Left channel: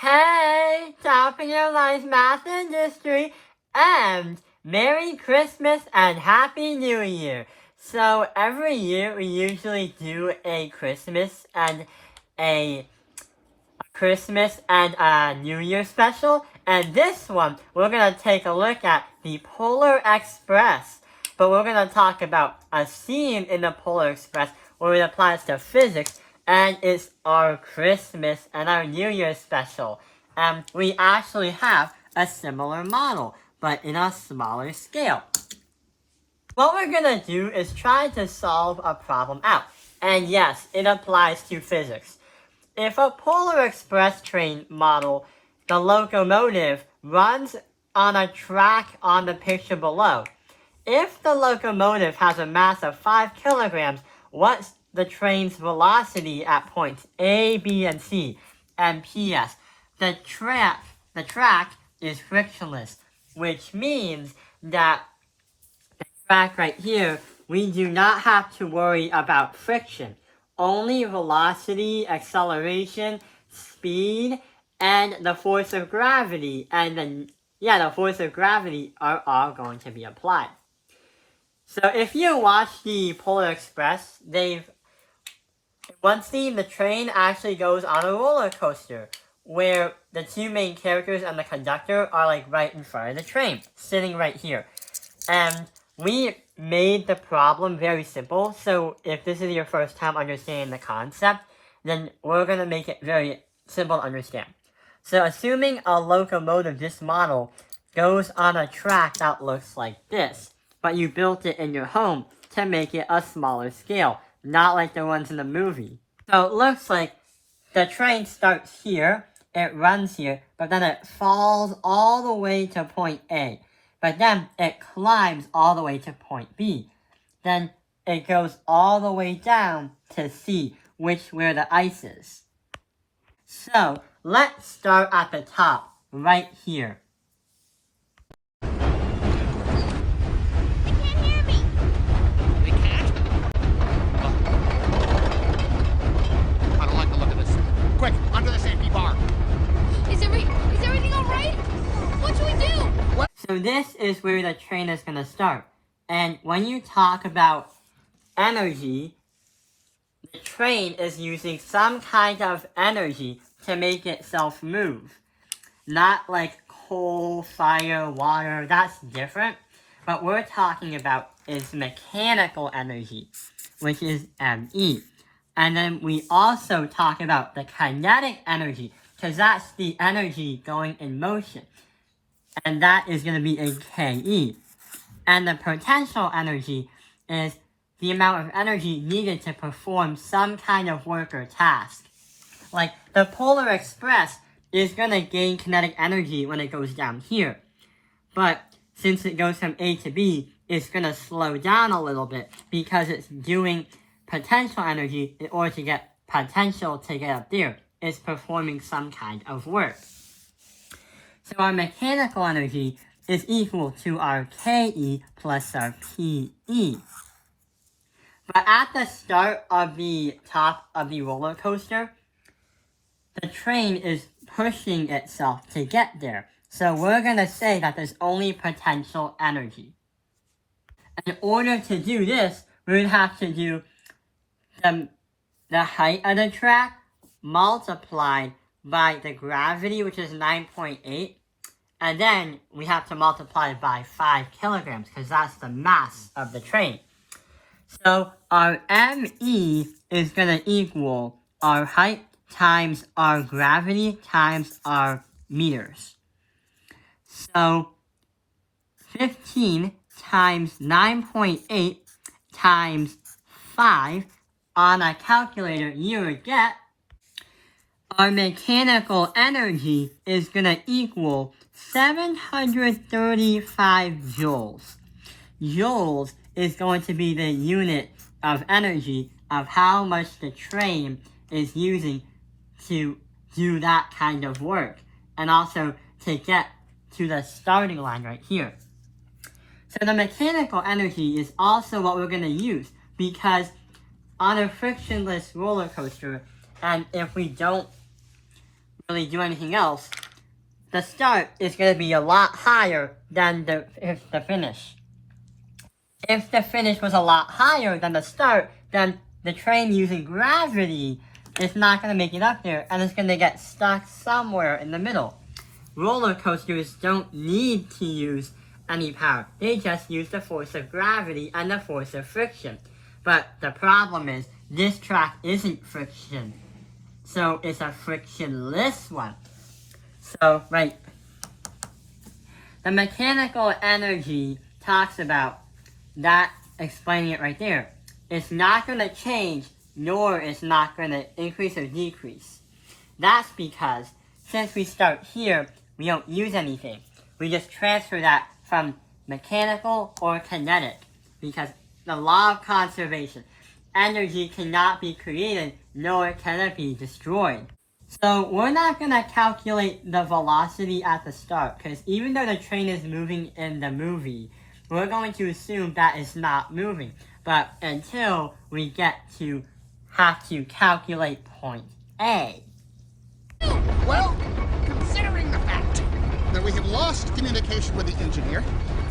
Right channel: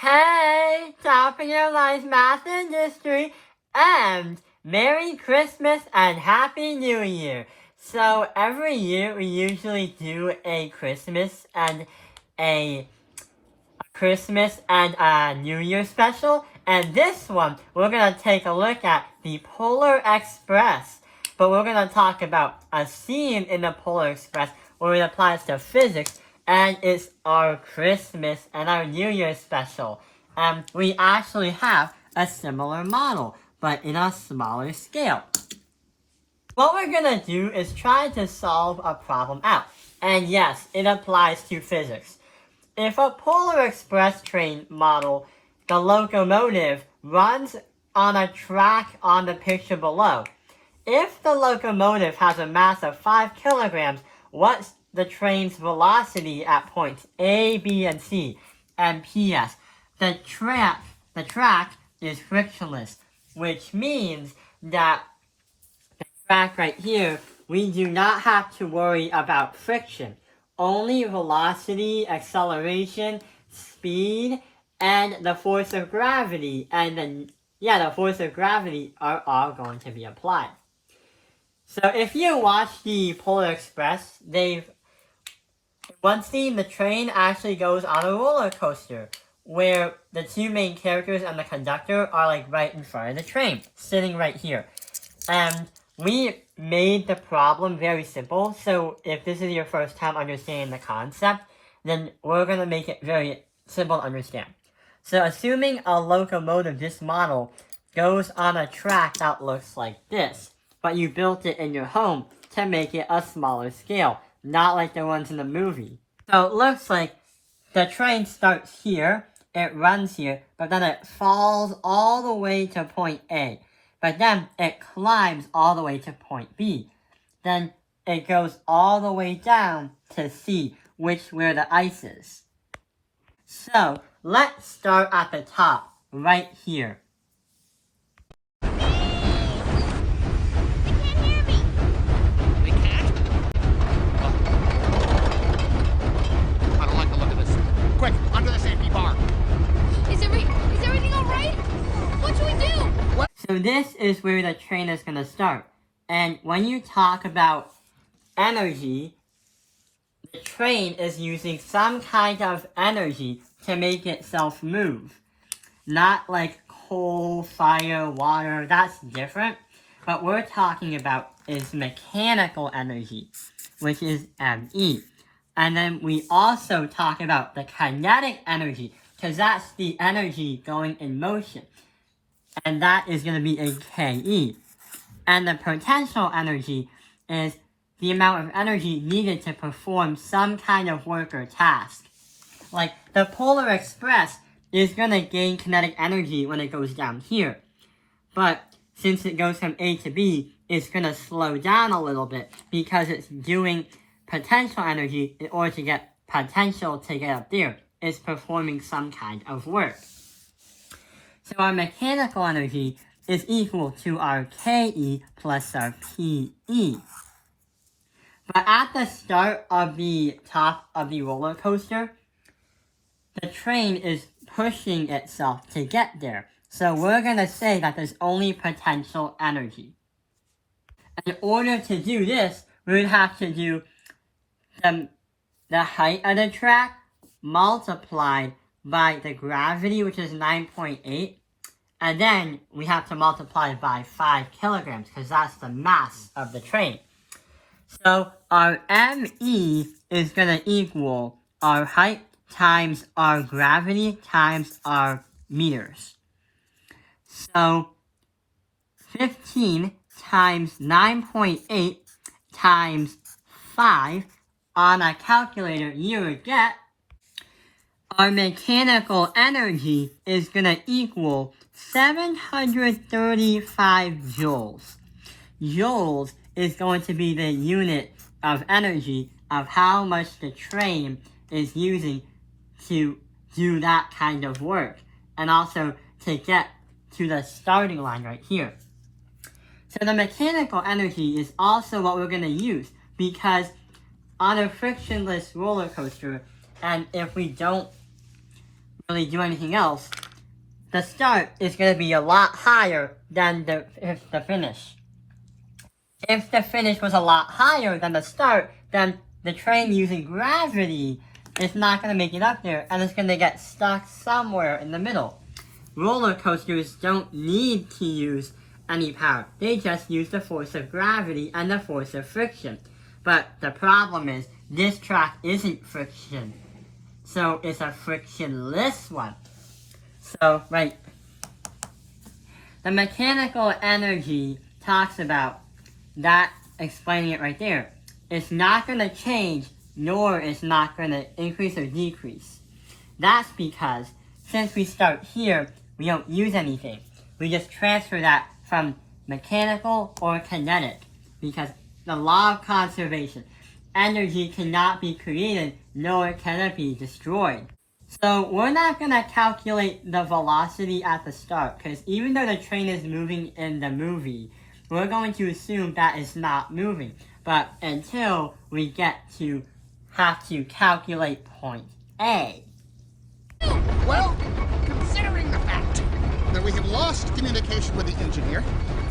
Hey, topping your life math industry, and Merry Christmas and Happy New Year. So every year we usually do a Christmas and a New Year special, and this one we're gonna take a look at the Polar Express. But we're gonna talk about a theme in the Polar Express where it applies to physics, and it's our Christmas and our New Year special. And we actually have a similar model, but in a smaller scale. What we're gonna do is try to solve a problem out. And yes, it applies to physics. If a Polar Express train model, the locomotive runs on a track on the picture below. If the locomotive has a mass of 5 kilograms, what's the train's velocity at points A, B, and C? And P.S. The track is frictionless, which means that the track right here, we do not have to worry about friction. Only velocity, acceleration, speed, and the force of gravity, the force of gravity are all going to be applied. So if you watch the Polar Express, one scene, the train actually goes on a roller coaster, where the two main characters and the conductor are like right in front of the train, sitting right here. And we made the problem very simple, so if this is your first time understanding the concept, then we're going to make it very simple to understand. So assuming a locomotive, this model, goes on a track that looks like this, but you built it in your home to make it a smaller scale, not like the ones in the movie. So it looks like the train starts here, it runs here, but then it falls all the way to point A. But then it climbs all the way to point B. Then it goes all the way down to C, where the ice is. So let's start at the top, right here. They can't hear me. They can't? I don't like the look of this. Quick, under the safety bar. Is everything all right? What should we do? What? So this is where the train is going to start. And when you talk about energy, the train is using some kind of energy to make itself move. Not like coal, fire, water, that's different. What we're talking about is mechanical energy, which is ME. And then we also talk about the kinetic energy, because that's the energy going in motion. And that is going to be a KE. And the potential energy is the amount of energy needed to perform some kind of work or task. Like, the Polar Express is going to gain kinetic energy when it goes down here. But since it goes from A to B, it's going to slow down a little bit because it's doing potential energy in order to get potential to get up there. It's performing some kind of work. So our mechanical energy is equal to our KE plus our PE. But at the start of the top of the roller coaster, the train is pushing itself to get there. So we're going to say that there's only potential energy. In order to do this, we would have to do the height of the track multiplied by the gravity, which is 9.8. And then we have to multiply it by 5 kilograms, because that's the mass of the train. So our ME is going to equal our height times our gravity times our meters. So 15 times 9.8 times 5 on a calculator, you would get our mechanical energy is going to equal 735 joules. Joules is going to be the unit of energy of how much the train is using to do that kind of work, and also to get to the starting line right here. So the mechanical energy is also what we're going to use, because on a frictionless roller coaster, and if we don't really do anything else, the start is going to be a lot higher than the finish. If the finish was a lot higher than the start, then the train using gravity is not going to make it up there, and it's going to get stuck somewhere in the middle. Roller coasters don't need to use any power. They just use the force of gravity and the force of friction. But the problem is, this track isn't friction. So it's a frictionless one. So, right. The mechanical energy talks about that, explaining it right there. It's not going to change, nor it's not going to increase or decrease. That's because, since we start here, we don't use anything. We just transfer that from mechanical or kinetic, because the law of conservation, energy cannot be created, nor can it be destroyed. So we're not going to calculate the velocity at the start, because even though the train is moving in the movie, we're going to assume that it's not moving. But until we get to have to calculate point A. Well, considering the fact that we have lost communication with the engineer,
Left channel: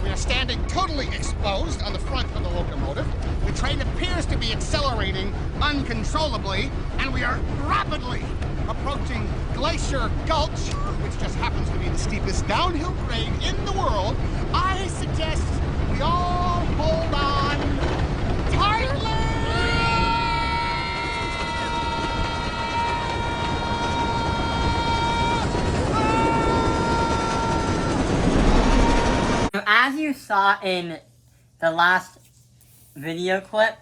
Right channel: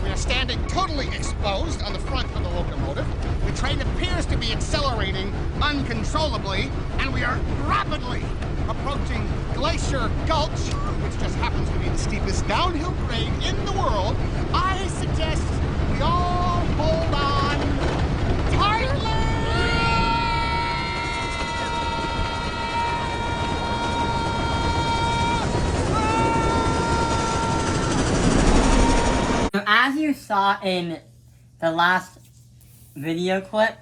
we are standing totally exposed on the front of the locomotive, the train appears to be accelerating uncontrollably, and we are rapidly approaching Glacier Gulch, which just happens to be the steepest downhill grade in the world, I suggest we all hold on tightly! So as you saw in the last video clip,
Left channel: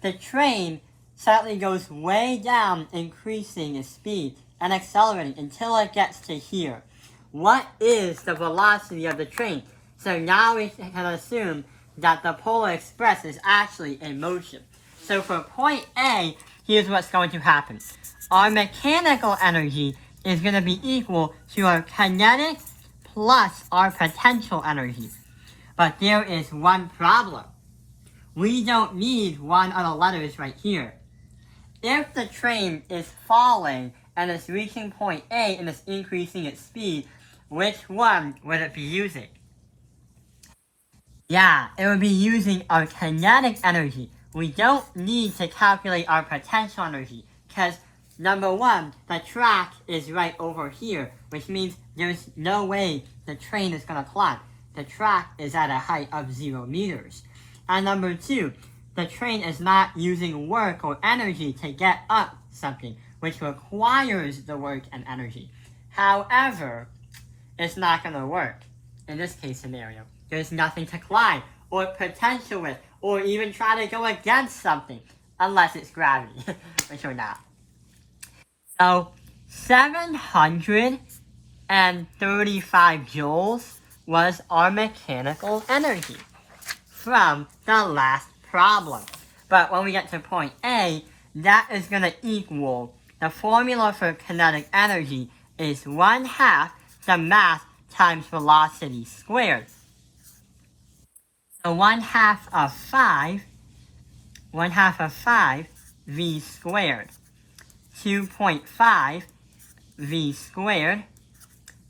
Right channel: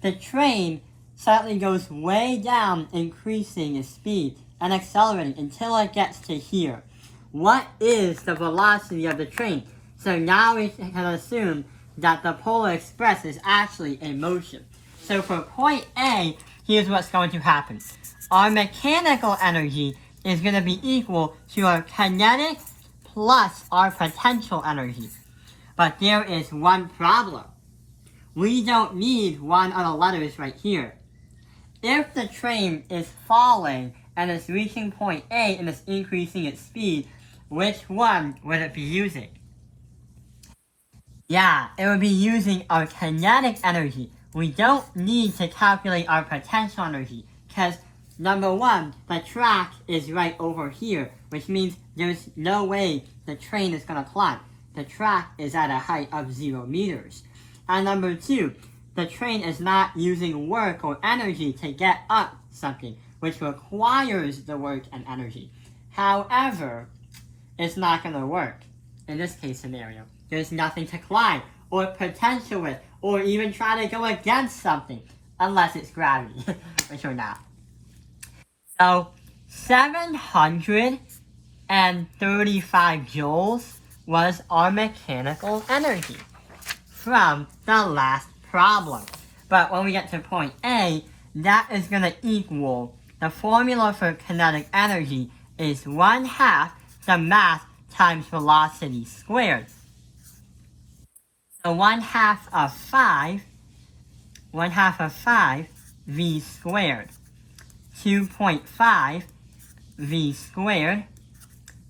the train suddenly goes way down, increasing its speed and accelerating until it gets to here. What is the velocity of the train? So now we can assume that the Polar Express is actually in motion. So for point A, here's what's going to happen. Our mechanical energy is going to be equal to our kinetic plus our potential energy. But there is one problem. We don't need one of the letters right here. If the train is falling and is reaching point A and is increasing its speed, which one would it be using? Yeah, it would be using our kinetic energy. We don't need to calculate our potential energy, because number one, the track is right over here, which means there's no way the train is going to climb. The track is at a height of 0 meters. And number two, the train is not using work or energy to get up something, which requires the work and energy. However, it's not going to work in this case scenario. There's nothing to climb, or potential with, or even try to go against something, unless it's gravity, which we're not. So, 735 joules was our mechanical energy from the last problem. But when we get to point A, that is going to equal, the formula for kinetic energy is 1/2 the mass times velocity squared. So 1/2 of 5 v squared, 2.5 v squared.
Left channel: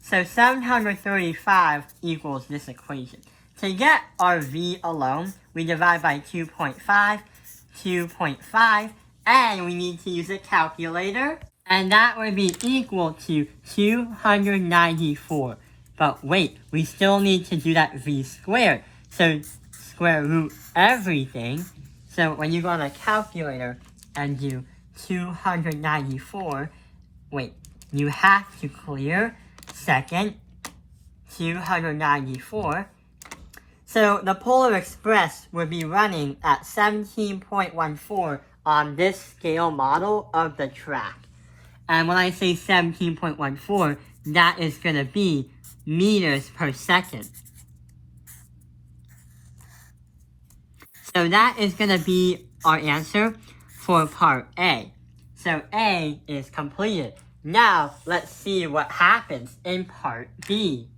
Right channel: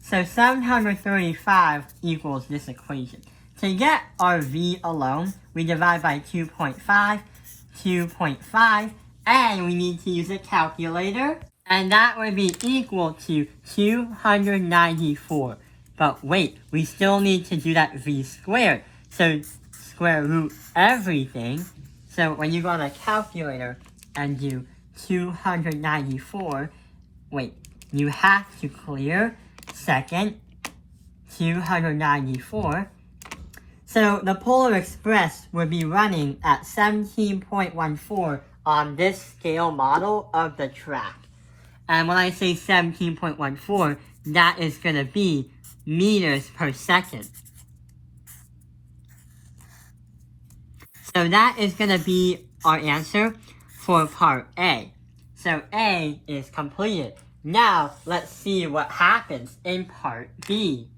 So 735 equals this equation. To get our v alone, we divide by 2.5, and we need to use a calculator. And that would be equal to 294. But wait, we still need to do that v squared. So square root everything. So when you go on a calculator and do 294, wait, you have to clear second 294. So the Polar Express would be running at 17.14 on this scale model of the track. And when I say 17.14, that is going to be meters per second. So that is going to be our answer for part A. So A is completed. Now let's see what happens in part B.